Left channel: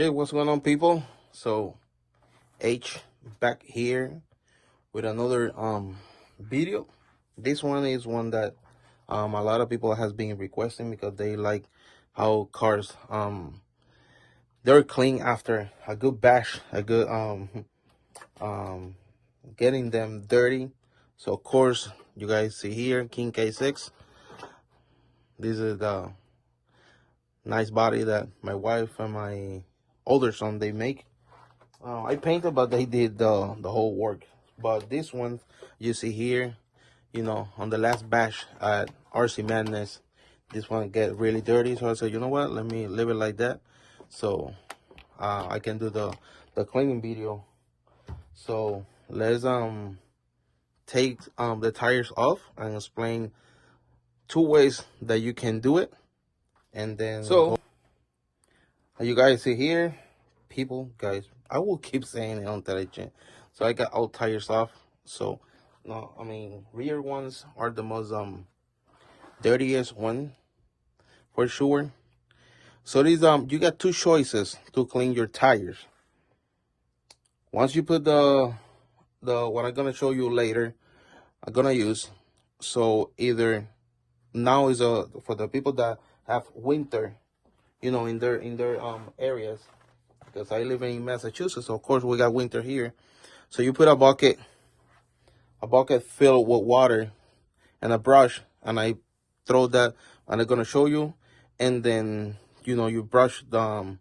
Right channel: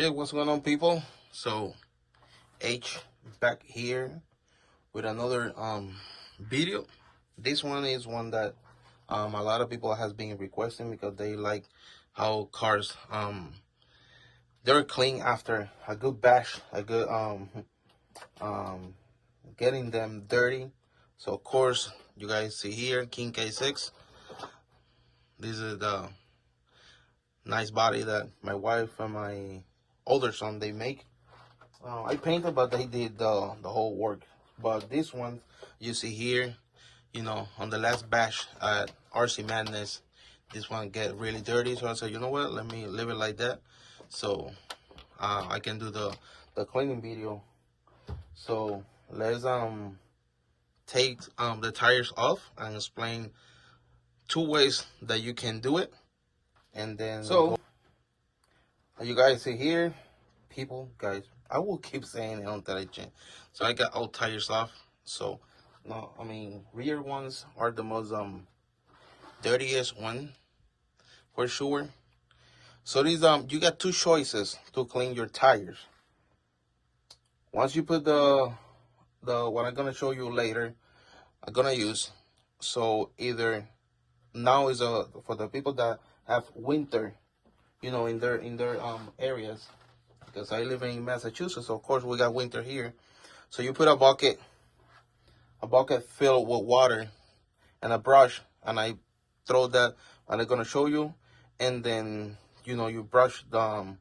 Hey, what's going on, people? So H back here with another video. This one is one that a lot of people has been requesting because they like how cars they're clean after a good bash, a good getting them dirty. So of course you guys see here King K6. This is the nice body that my wife and my older son they make. I painted, but they did the whole work. But this one you see here, you know, on the last batch at RC Madness, this one get really dirty. So I said, you know what, let me leave it like that, so I can do the cleaning video. So let's take the tires off and explain two ways that you can do it. And then so you guys see here, people, guys, I will keep saying it on television. So I got all tires off. So no, I mean, rear ones are the most dirtiest one for sure. So these you got two choices to clean your tires. Once you put the what I'm gonna show you later, I'm gonna use. So either now is for the people that have winter, you know, in their areas. Because I live in Massachusetts, so of course we got winter here. So you put a bucket filled with water and a brush, and I throw that, and I'm gonna show you. And then you know you brush the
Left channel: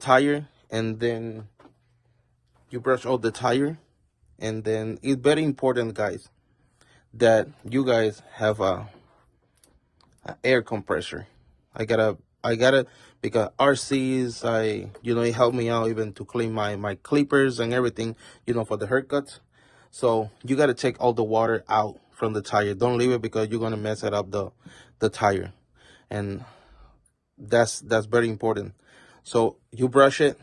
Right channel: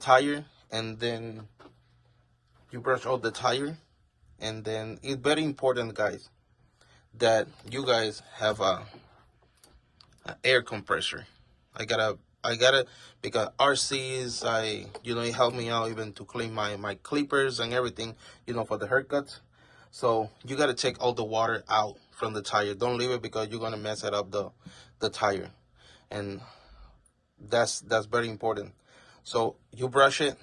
tire, and then you brush out the tire, and then it's very important, guys, that you guys have a air compressor. I got it because RCs, you know, it helped me out even to clean my clippers and everything, you know, for the haircuts. So you got to take all the water out from the tire. Don't leave it because you're going to mess it up the tire. And that's very important. So you brush it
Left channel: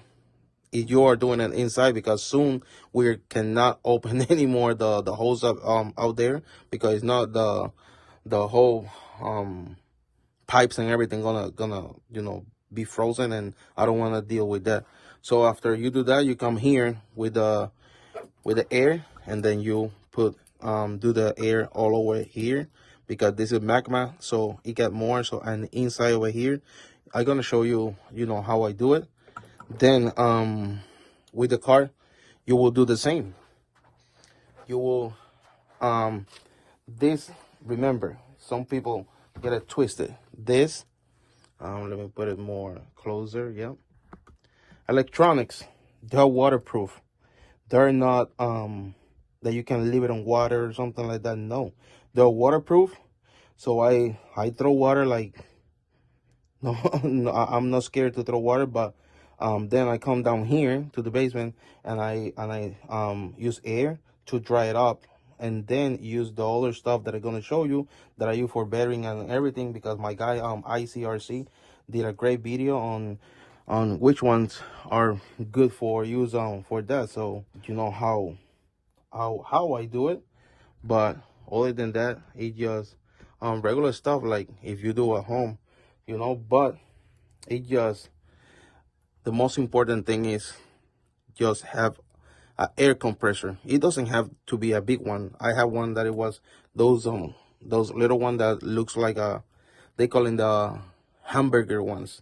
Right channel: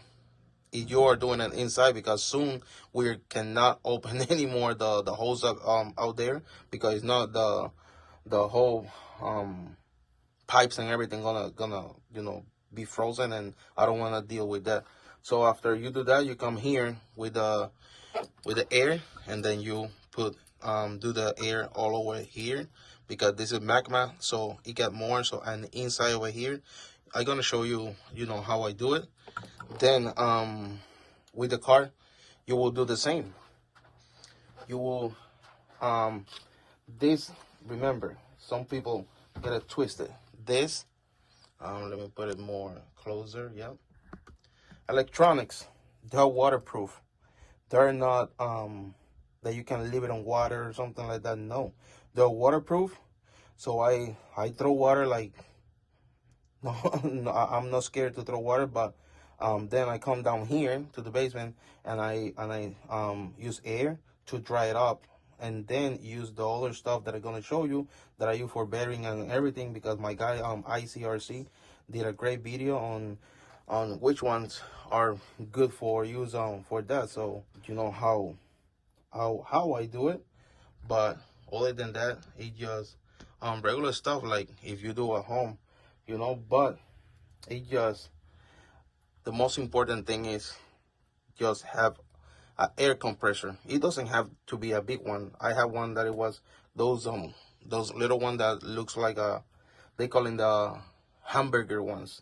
if you are doing it inside, because soon we cannot open anymore the hose up out there, because it's not the whole pipes and everything gonna you know be frozen, and I don't want to deal with that. So after you do that, you come here with the air, and then you put do the air all over here, because this is Maxima, so it got more. So and inside over here, I'm gonna show you, you know, how I do it. Then with the car, you will do the same. You will this, remember, some people get it twisted. This let me put it more closer. Yeah, electronics, they're waterproof. They're not that you can leave it on water or something like that. No, they're waterproof. So I throw water, like no, no, I'm not scared to throw water. But then I come down here to the basement, and I use air to dry it up, and then use the other stuff that I'm gonna show you that I use for bearing and everything, because my guy H.R-Rc did a great video on which ones are good for use for that. So you know how I do it. But other than that, it just regular stuff like if you do at home, you know. But it just, the most important thing is just have an air compressor. It doesn't have to be a big one. I have one that it was those little one that looks like they call it the hamburger ones.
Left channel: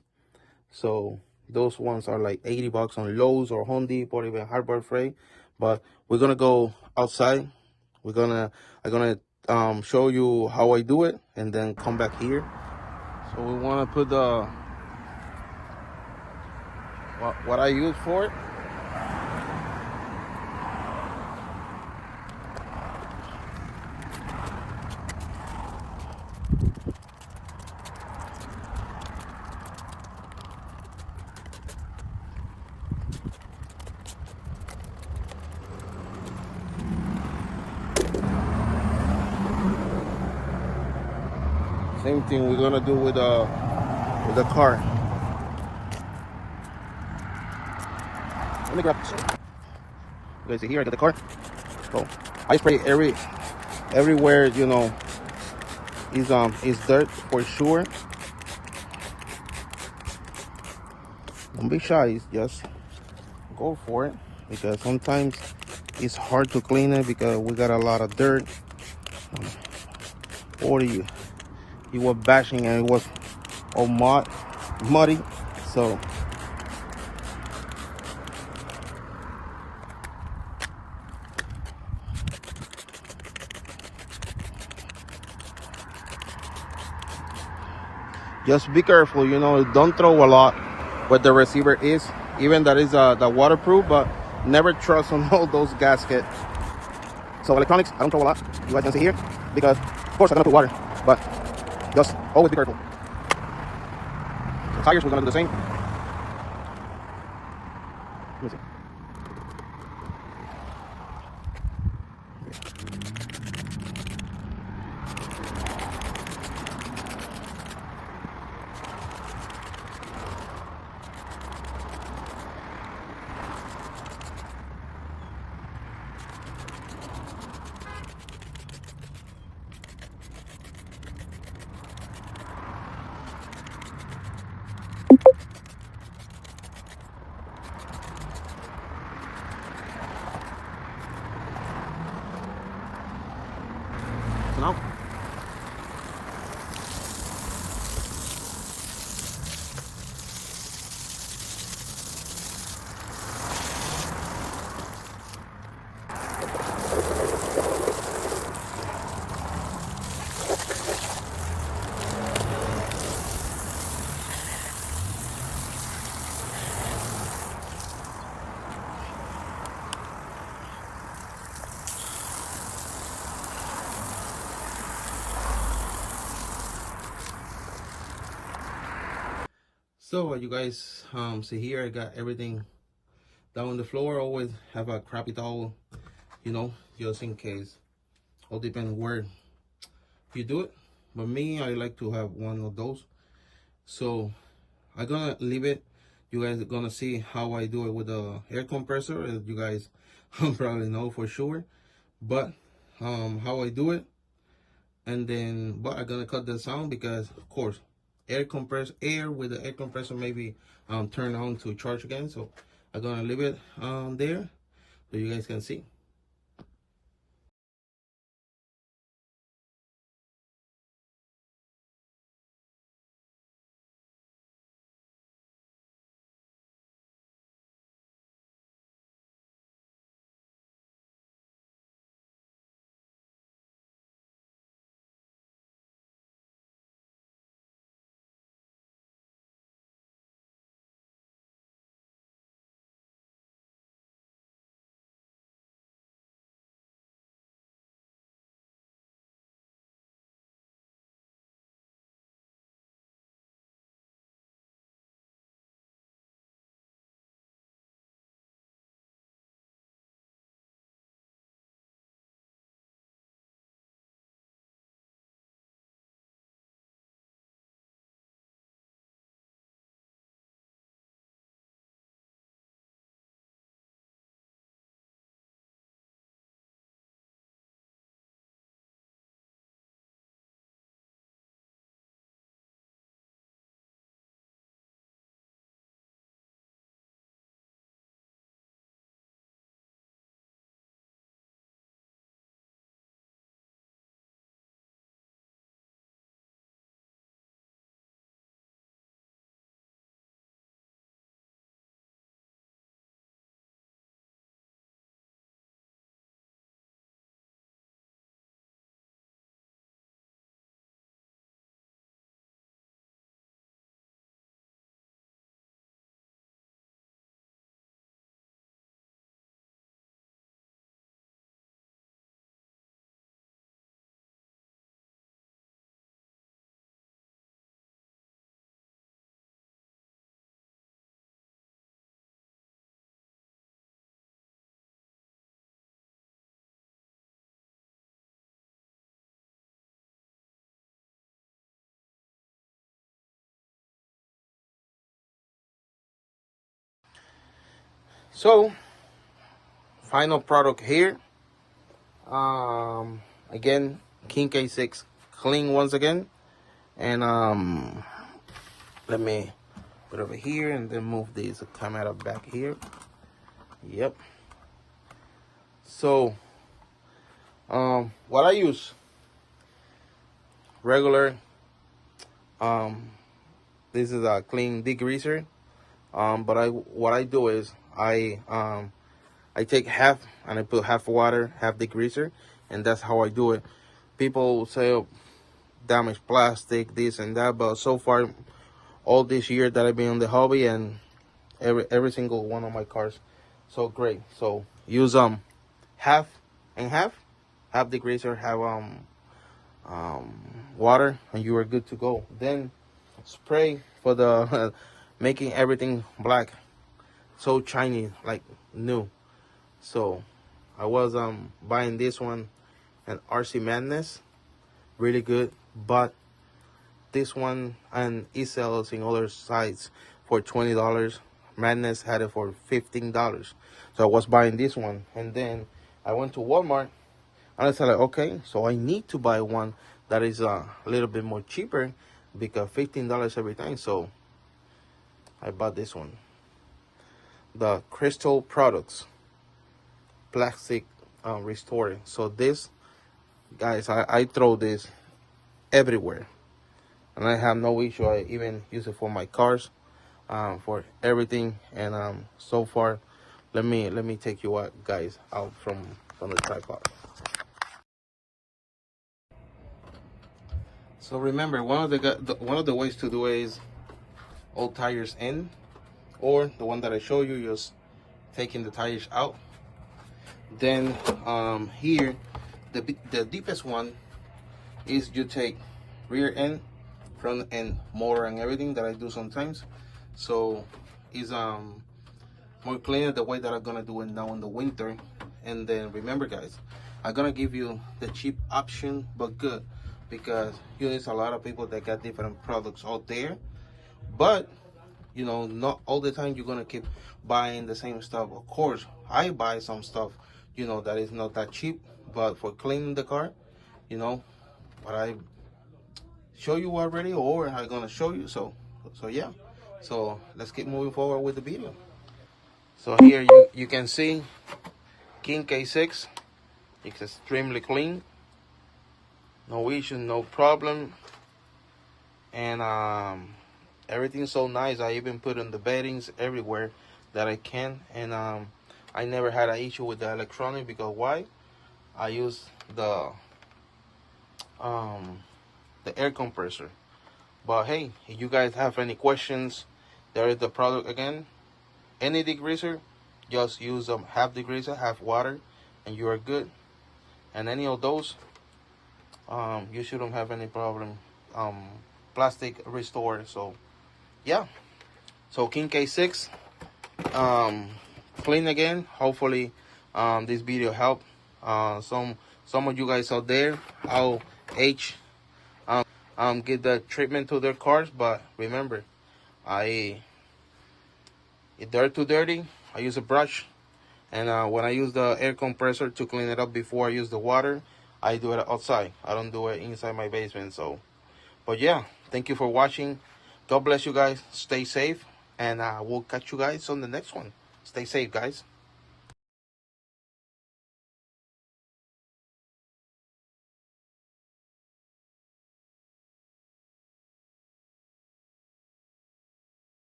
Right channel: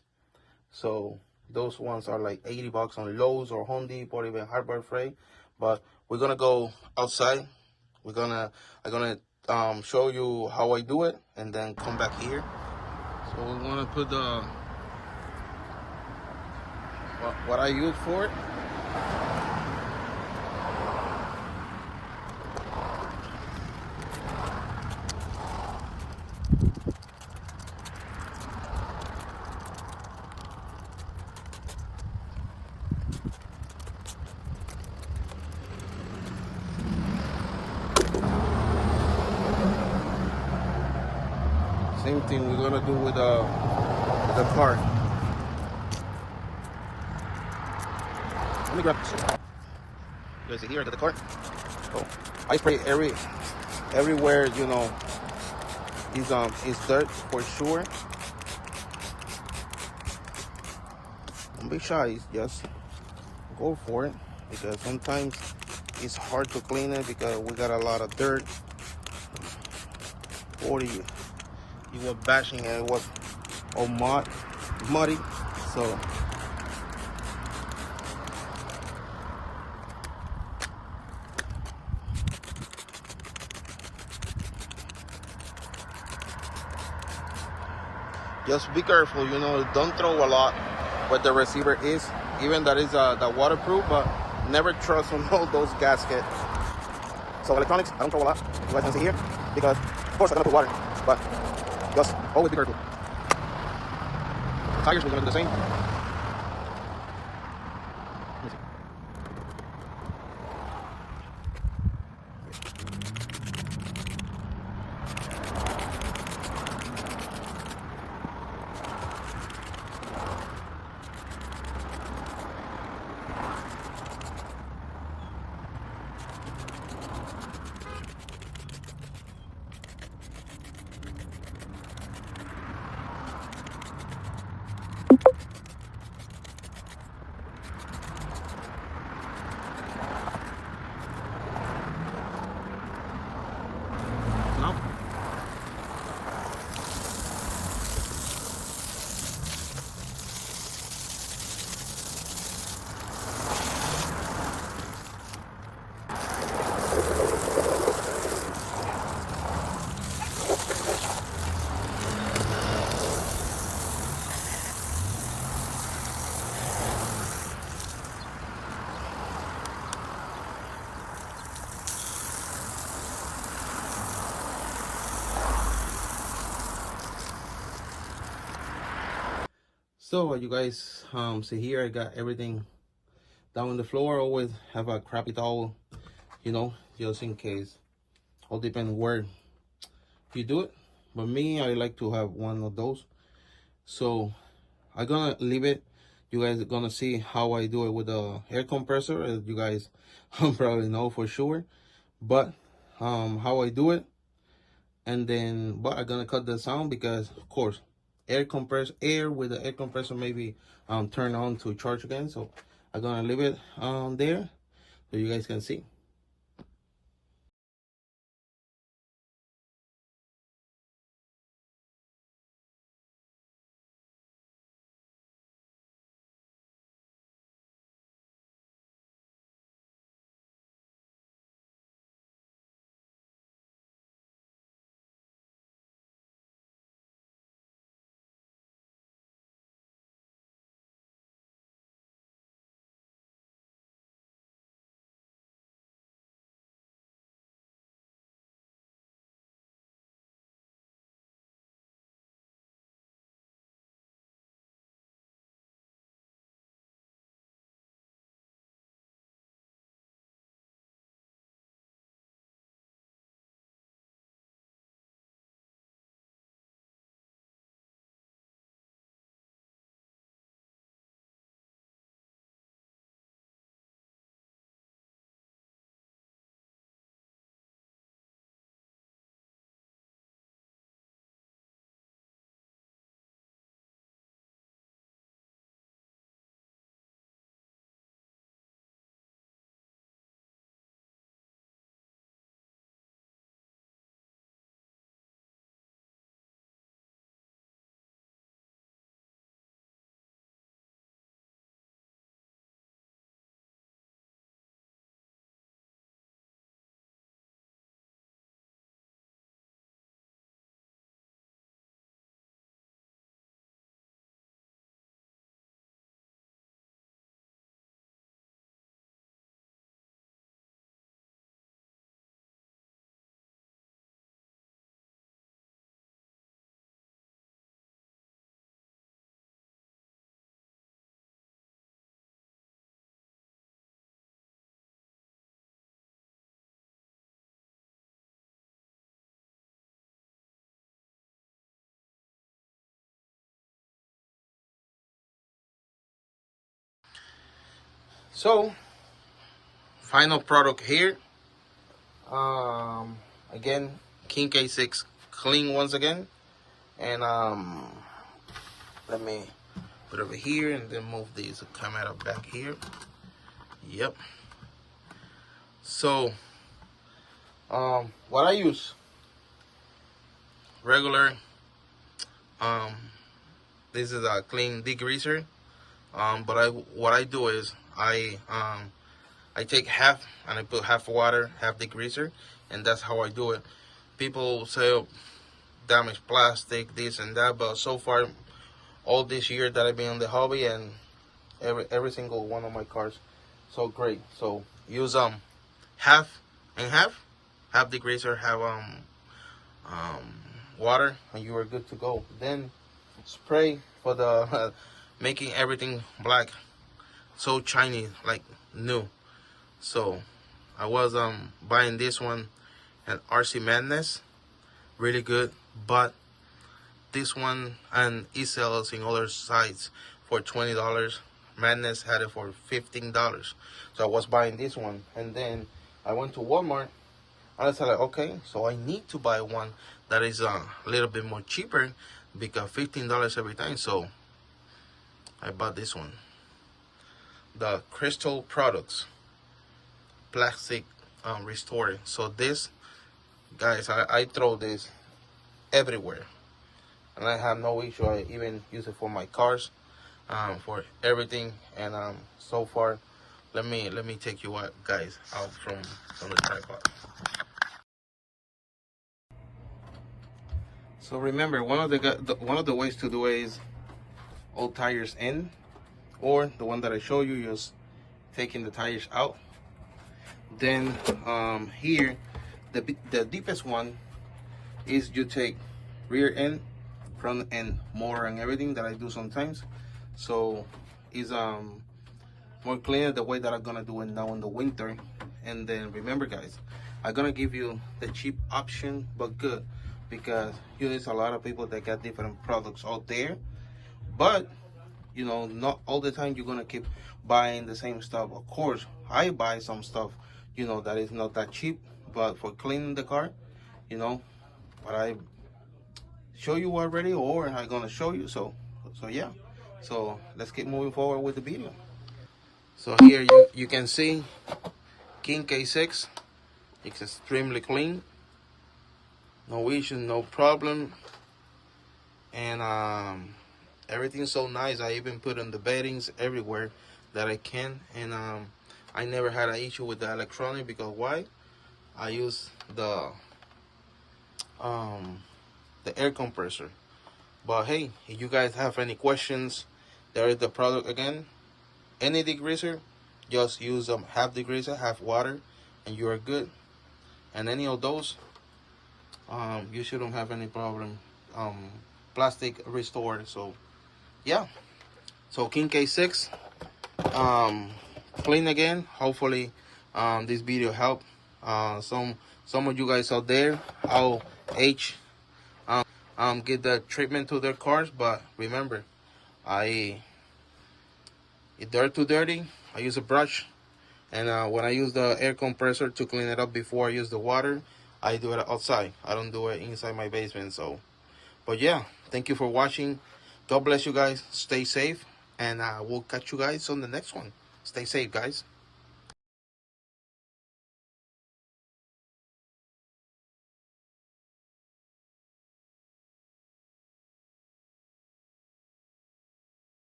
So those ones are like 80 bucks on Lowe's or Home Depot or even Harbor Freight. But we're gonna go outside. I'm gonna show you how I do it, and then come back here. So we want to put the what I use for it. Same thing we're gonna do with the car. Let me grab this. You guys see here, I got the car. So I spray everywhere, you know, is dirt for sure. Don't be shy, just go for it, because sometimes it's hard to clean it because we got a lot of dirt, or you were bashing and it was all muddy. So just be careful, you know, don't throw a lot what the receiver is, even that is the waterproof, but never trust on all those gaskets. So electronics, I don't throw a lot, you guys can see here, because of course I'm gonna put water, but just always be careful. Tires, we're gonna do the same. So now, so you guys see here, I got everything down on the floor. Always have a crappy towel, you know, just in case. All depends where you do it, but me, I like to have one of those. So I'm gonna leave it. You guys are gonna see how I do it with the air compressor, as you guys probably know for sure. But how I do it, and then but I'm gonna cut the sound because of course air with the air compressor maybe turn on to charge again. So I'm gonna leave it there so you guys can see. So final product here. Again, King K6 clean once again, and let me put it over here, and then move this camera back here. Yep. So what I use, regular, this is a clean degreaser, but what I do is I take half and I put half water, half degreaser, and that's how I do it. People say, oh, damaged plastic, this and that, but so far all this year that I've been in the hobby, and every single one of my cars, so great. So use half and half degreaser, have water, and you are good to go. Then spray for the making everything black, so shiny like new. So I was buying this one at RC Madness, really good, but this one, and it sells in other sites for $20. Madness had it for $15, so I was buying this one. And then I went to Walmart and I said, like, okay, so I need to buy one that is a little bit more cheaper, because $15 every time. So I bought this one, the Cristal products, plastic restorer. So this, guys, I throw this everywhere, and I have no issue. I even use it for my cars, for everything. And so far, let me take you out, guys, out from the tripod. So remember, one of the ways to do it is old tires in, or the one that I show you, just taking the tires out. Then here, the deepest one is you take rear end, front end, motor, and everything that I do sometimes. So it's more cleaner the way that I'm gonna do it now in the winter. And then remember, guys, I'm gonna give you the cheap option but good, because you know, there's a lot of people that got different products out there, but you know, not all the time you're gonna keep buying the same stuff. Of course, I buy some stuff, you know, that is not that cheap, but for cleaning the car, you know, what I show you already, or I'm gonna show you. So yeah, so let's keep moving forward with the video. So here you can see King K6. It's extremely clean, no issue, no problem, and everything's so nice. I even put in the beddings everywhere that I can, and I never had an issue with the electronic, because why? I use the air compressor. But hey, if you guys have any questions, there is the product again. Any degreaser, just use half degreaser, half water, and you are good. And any of those, you shouldn't have any problem. Plastic restore. So yeah, so King K6, clean again. Hopefully this video helped some of you guys out there how get the treatment to their cars. But remember, if they're too dirty, I use a brush, and when I use the air compressor to clean it up before I use the water, I do it outside. I don't do it inside my basement. So but yeah, thank you for watching. God bless you guys. Stay safe, and we'll catch you guys on the next one. Stay safe, guys.